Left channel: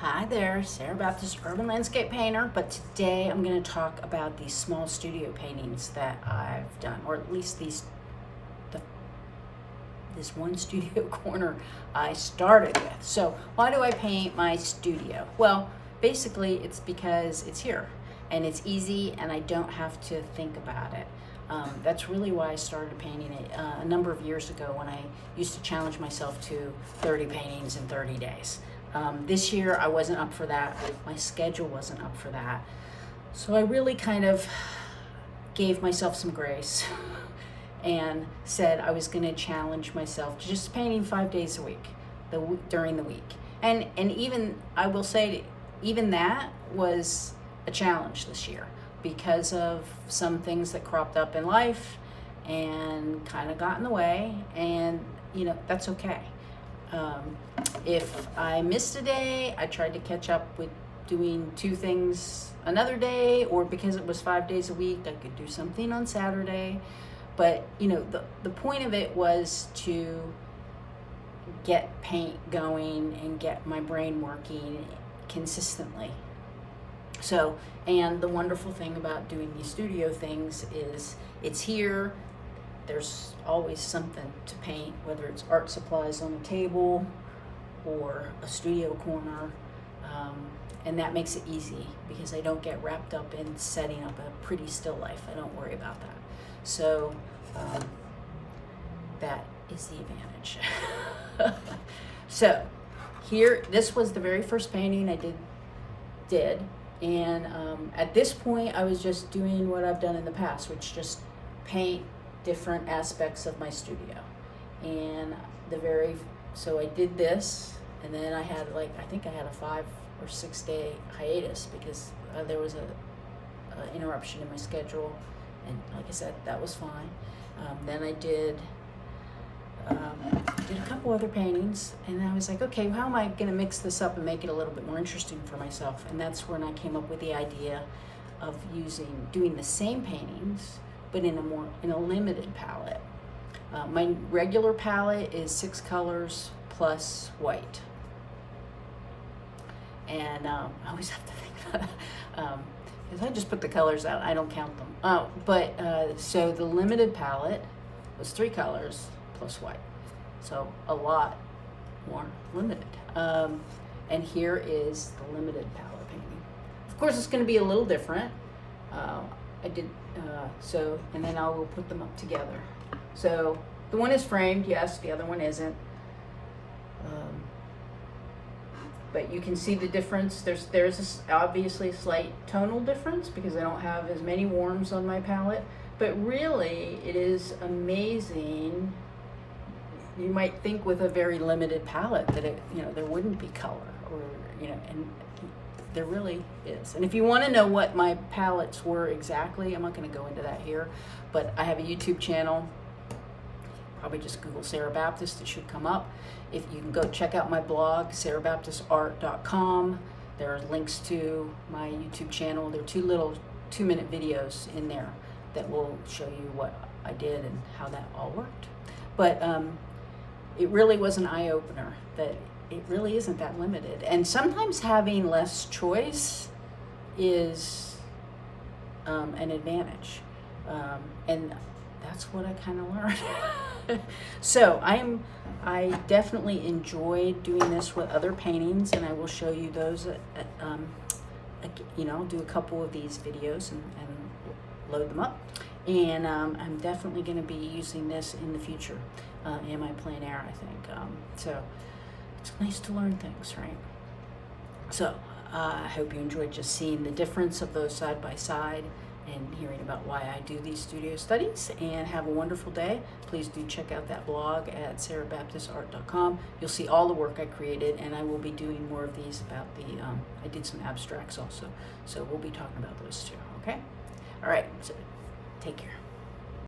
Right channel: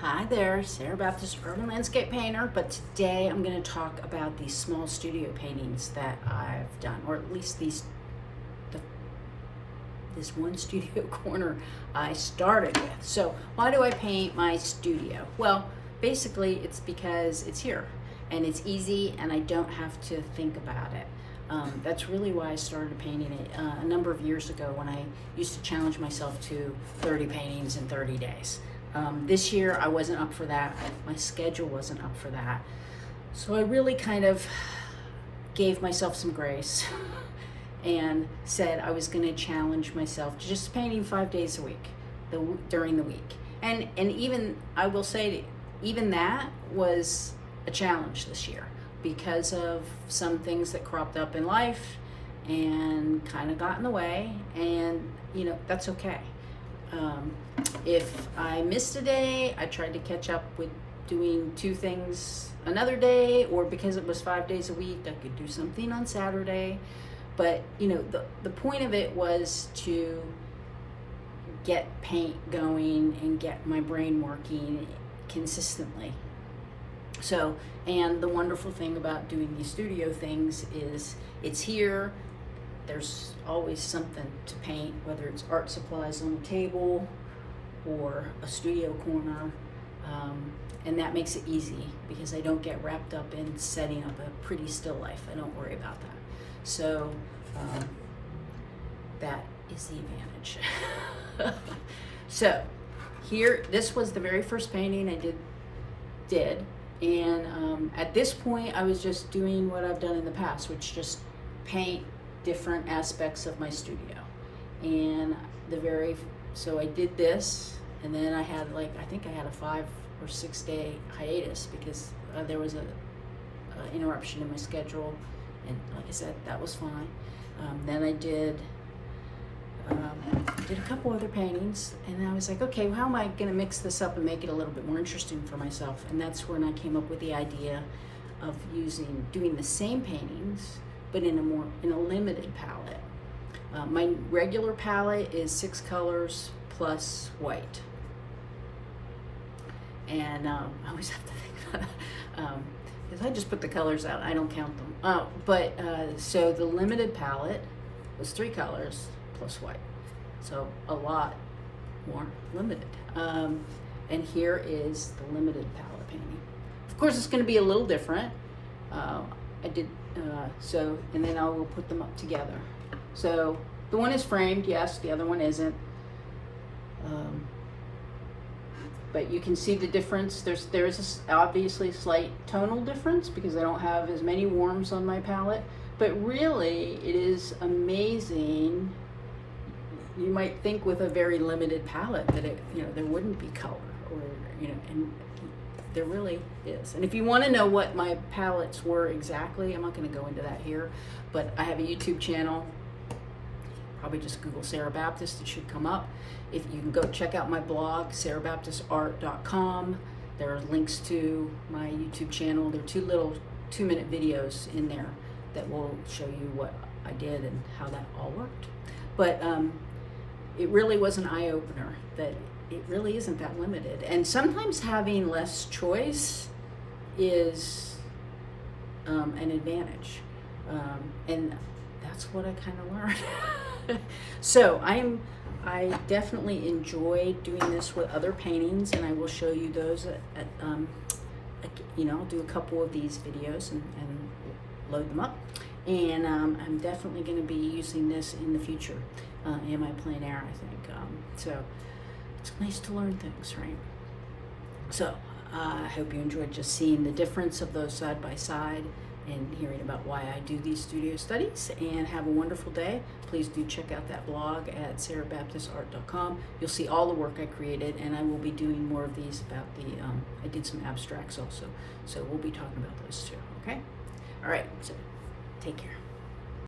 Hi there, Sarah Baptist, urban landscape painter, but today I'm going to talk about these small studio paintings that I've done, or at least this one studio corner I started with. So why do I paint my studio? Well, basically it's because it's here and it's easy and I don't have to think about it. That's really why I started painting it a number of years ago when I used to challenge myself to 30 paintings in 30 days. This year I wasn't up for that. My schedule wasn't up for that. So I really kind of gave myself some grace and said I was going to challenge myself to just painting 5 days a week during the week. And even, I will say, even that was a challenge this year because of some things that cropped up in life and kind of got in the way, and that's okay. If I missed a day, I tried to catch up with doing 2 things another day, or because it was 5 days a week, I could do something on Saturday. But the point of it was to get paint going and get my brain working consistently. So, and the wonderful thing about doing these studio things is it's here. There's always something to paint, whether it's art supplies on a table or a studio corner, and that makes it easy because I don't get wrapped up in setting up a pretty still life. I don't worry about that. So that is the advantage. So here, this was the very first painting I did, and at this point I was just doing what I've done in the past, which just paint different aspects of my studio. And so I did this, and then I had I think I had a 5 or 6 day hiatus because there was a interruption in my schedule, and like I said, that was fine. Then I did a couple other paintings, and I was like, okay, well, how am I going to mix this up and make it a little bit more interesting for myself? And that's when I came up with the idea of doing the same paintings but in a limited palette. My regular palette is 6 colors plus white, and I always have to think about it because I just put the colors out, I don't count them. So the limited palette was 3 colors plus white, so a lot more limited. And here is the limited palette painting. Of course, it's going to be a little different. And then I will put them up together. So the one is framed, yes, the other one isn't. But you can see the difference. There's obviously a slight tonal difference because I don't have as many warms on my palette. But really, it is amazing. You might think with a very limited palette that there wouldn't be color, or and there really is. And if you want to know what my palettes were exactly, I'm not going to go into that here, but I have a YouTube channel. Probably just Google Sarah Baptist, it should come up. If you can go check out my blog, sarahbaptistart.com. There are links to my YouTube channel. There are 2 little 2-minute videos in there that will show you what I did and how that all worked. But it really was an eye-opener that it really isn't that limited. And sometimes having less choice is an advantage. And that's what I kind of learned. So I definitely enjoy doing this with other paintings, and I will show you those I'll do a couple of these videos and load them up. And I'm definitely going to be using this in the future in my plein air, I think. So it's nice to learn things, right? So I hope you enjoyed just seeing the difference of those side by side and hearing about why I do these studio studies. And have a wonderful day. Please do check out that blog at sarahbaptistart.com. You'll see all the work I created, and I will be doing more of these about I did some abstracts also. So we'll be talking about those too, okay? All right, so take care.